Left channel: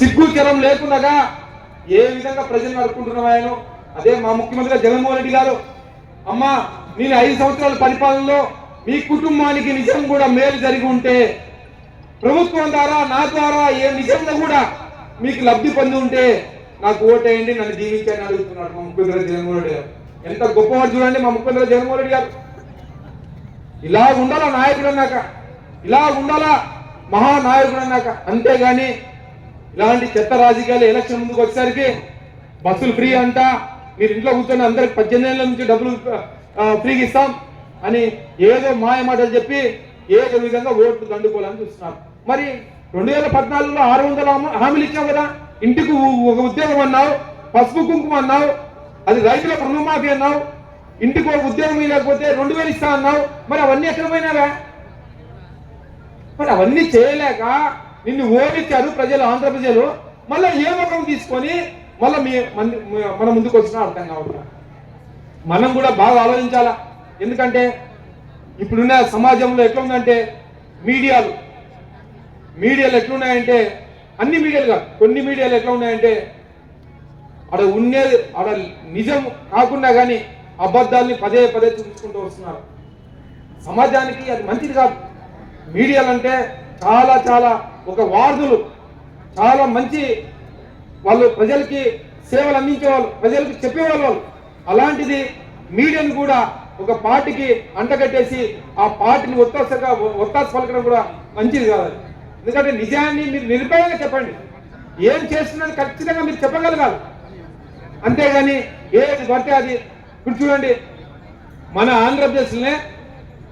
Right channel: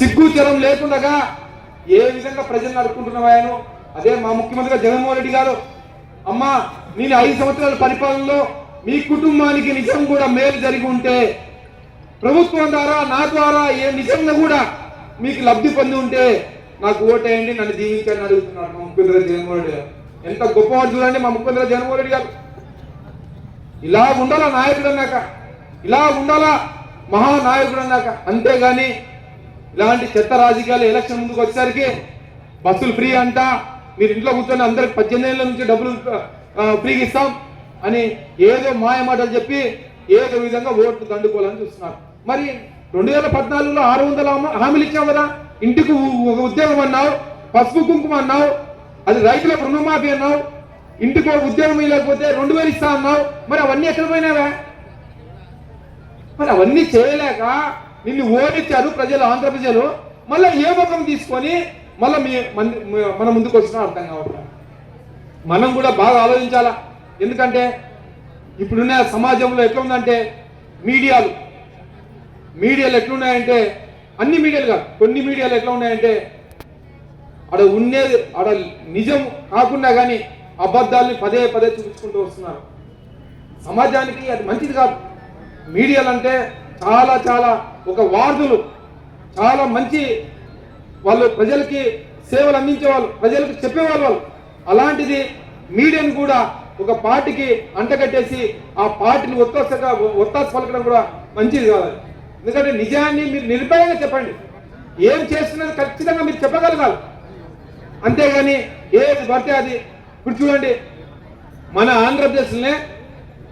సిగ్గు చరం లేకుండా ఏ విధంగా ప్రజలు నడుపుకుంటున్నామో అదే మా ముఖ్యమంత్రిగా జగన్మోహన్ రెడ్డి గారు, అమ్మా నేను 5 సంవత్సరాల పరిపాలనలో మీ కుటుంబానికి నిజం కూడా మేలు జరిగి ఉంటే, ప్రభుత్వం ద్వారా నా ద్వారా ఏ నిజంగా కూడా మీకు లబ్ధి పొంది ఉంటే నాకు ఓటేయండి, నన్ను దీవించని అడుగుతున్నారు మా ముఖ్యమంత్రి జగన్మోహన్ రెడ్డి గారు. ఎంత గొప్పవాడు చూడండి మా ముఖ్యమంత్రి జగన్మోహన్ రెడ్డి గారు. ఇలా ఉండాలా నాయకుడు అన్నాక, ఇలా ఉండాలా మహానాయకుడు అన్నాక. అంతేగాని ఇలాంటి చెత్త రాజకీయాలు ఎలక్షన్ ముందుకు వచ్చేసరికి బస్సులు ఫ్రీ అంట, మీరు ఇంట్లో కూర్చొని అందరికి 18 ఏళ్ళ నుంచి డబ్బులు ఫ్రీగా ఇస్తాం అని ఏదో మాయ మాటలు చెప్పి ఏదో విధంగా ఓట్లు దండుకోవాలని చూస్తున్నారు. మరి 2014లో 600 హామీలు ఇచ్చావు కదా, ఇంటికి ఒక ఉద్యోగం అన్నావు, పసుపు కుంకుమ అన్నావు, అది రైతులకు రుణమాఫీ అన్నావు, ఇంటికి ఒక ఉద్యోగం లేకపోతే 2000 ఇస్తా అన్నావు. మరి అవన్నీ ఎక్కడ పోయినావా? మరి అవన్నీ చేయలేక నిన్ను ఓడించారు ప్రజలు, ఆంధ్ర ప్రజలు. మళ్ళీ ఏ వర్గం తీసుకొని మళ్ళీ మన ముందుకు వచ్చినా అర్థం కావట్లేదు. మనం కూడా బాగా ఆలోచించాలా. ఎందుకంటే ఇప్పుడున్న సమాజంలో ఎట్లా ఉందంటే మీడియాలు ఎట్లున్నాయంటే, అన్ని మీడియాలు కాదు, కొన్ని మీడియాలు ఎట్లా ఉన్నాయంటే ఆడ నిజం కాకుండా కానీ అబద్ధాలని పదే చూపించుకుంటూ వస్తున్నారు. సమాజానికి అది మంచిది కాదు. మీడియాలు అంటే చాలా ఒక వార్తలు, చాలా మంచి వాళ్ళు, ప్రజలకి సేవలు అందించేవాళ్ళు, ప్రజలకు చెప్పేవాళ్ళు. అలాంటిది మీడియాను కూడా ఒక పార్టీకి అంటగట్టేసి ఆ పార్టీని ఒత్తాసు పలకడం కూడా మంచిది కాదు. ఎందుకంటే నిజాన్ని మీరు నిర్భయంగా చెప్పండి, ఏం చేస్తున్నది ఖచ్చితంగా మీరు చెప్పగలగాలి. అంతేగాని ఏది పడితే అది. ఇప్పుడు చూడండి, మన ఆంధ్రప్రదేశ్లోనే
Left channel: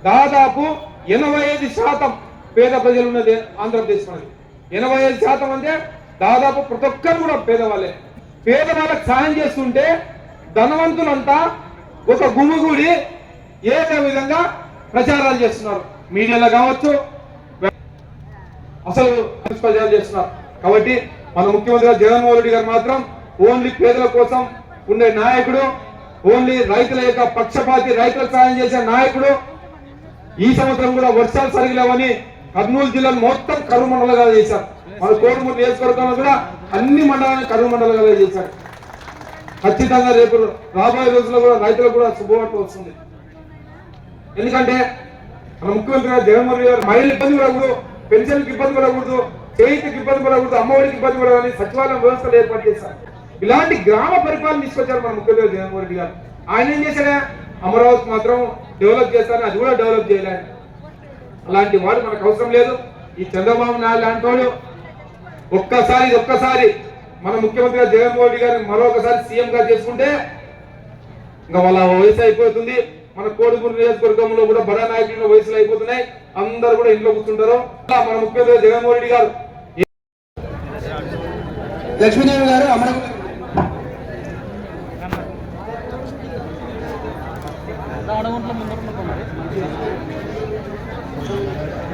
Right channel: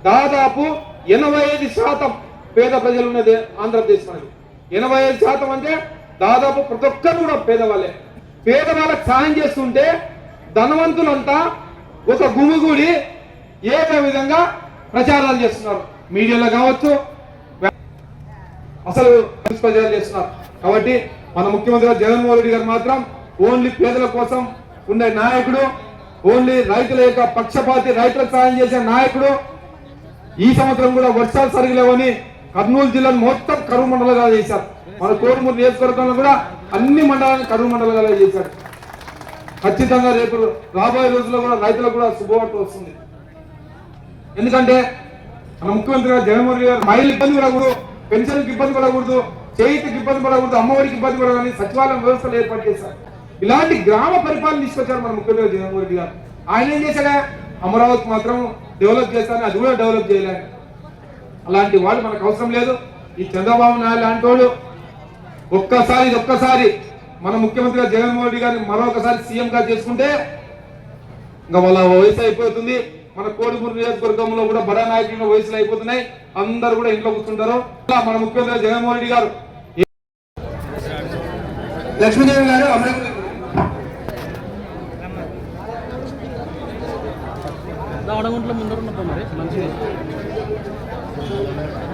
దాదాపు 85% పేద ప్రజలు ఉన్నది ఆంధ్రప్రదేశ్. మనది 85% అంటే దాదాపు ప్రతి ఒక్కరు కూడా పేదవాళ్ళే. పేదవాళ్ళకి సాయం చేస్తుంటే ధనవంతులంతా ఒక గుమిగూడి ఏదో విధంగా ప్రచారాలు చేస్తున్నారు, మీడియాలో కావచ్చు, అసలు ప్రచారాలు చేస్తున్నారు. కాబట్టి మన ముఖ్యమంత్రి జగన్మోహన్ రెడ్డి గారు మాత్రం ఓన్లీ పేదల కోసం ఉండే నాయకుడు, ఓన్లీ రైతుల యొక్క పక్షపాతి, రైతులకు సాయం చేసే నాయకుడు. ఈ సంవత్సరం కూడా వర్షాలు సరిగలేవని కర్నూలు జిల్లాను మొత్తం కరువు మండలంగా చేశారు. మన కోడుమూరు నియోజకవర్గంలో కూడా అన్ని మండలాలను కరువు మండలంగా చేశారు. ఖచ్చితంగా రేపు రాబోయే రోజుల్లో కూడా రైతులకు కూడా శుభవార్త వస్తుంది. ఎందుకంటే మన ముఖ్యమంత్రి గారు జగన్మోహన్ రెడ్డి గారు మహిళలకు ఇబ్బంది పడకూడదు, పెన్షన్కి ఇబ్బంది పడకూడదు, చేతికి ఇబ్బంది పడకూడదు, అమ్మఒడికి ఇబ్బంది పడవని సచివాలయం వ్యవస్థలు ఏర్పాటు చేశారు. ఇలాంటి గ్రామ పరిపాలన తీసుకొచ్చారు మన ముఖ్యమంత్రి జగన్మోహన్ రెడ్డి గారు. ఆయన ఏం చేశాడా, అమరావతి మాత్రం డెవలప్ చేస్తారని అది కూడా డెవలప్ చేయలేదు. అలాంటి వాడు మనకు అవసరం లేదు. ఈ చంద్రబాబు నాయుడు లాంటి వాడు ఒక్కసారి మన ముఖ్యమంత్రి జగన్మోహన్ రెడ్డి గారిని మరొకసారి సీఎం గా చేసుకుంటే ఇంకా వాళ్ళ వయసు అయిపోతుంది. మన కోడిమూరు నియోజకవర్గంలో కూడా బడా నాయకుల వయసులు అయిపోతున్నాయి, అందరూ కూడా ఇంట్లో కూర్చుంటారు. మన ముఖ్యమంత్రి జగన్మోహన్ రెడ్డి గారు, లక్ష్మీదేవి గారు అమరావతి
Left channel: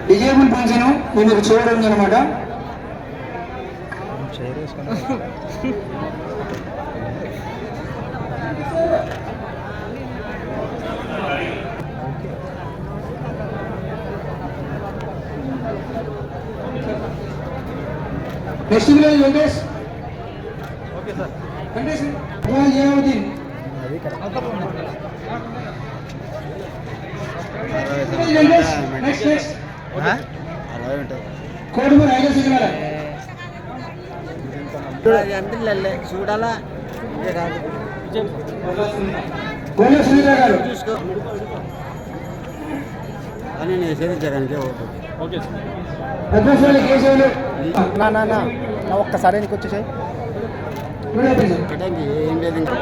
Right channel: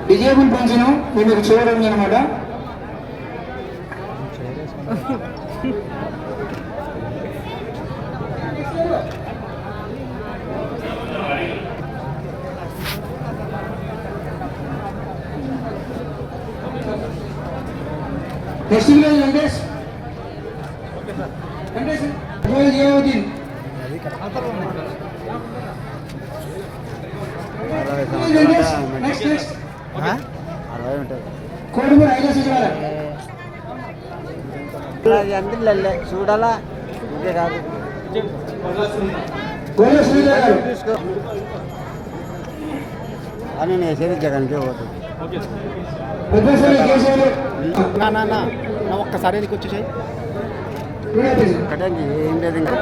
విజయపూర్ పెంచను మీకు చేయడం అనమాట. నెక్స్ట్ విలేజ్ వెంకటేష్ జయావుద్దీన్ చూడాలా చూసుకో అని నేను చదివించడానికి ఓటు ఒక్కసారి నీకు వచ్చి ఏం లేదు ఇంకా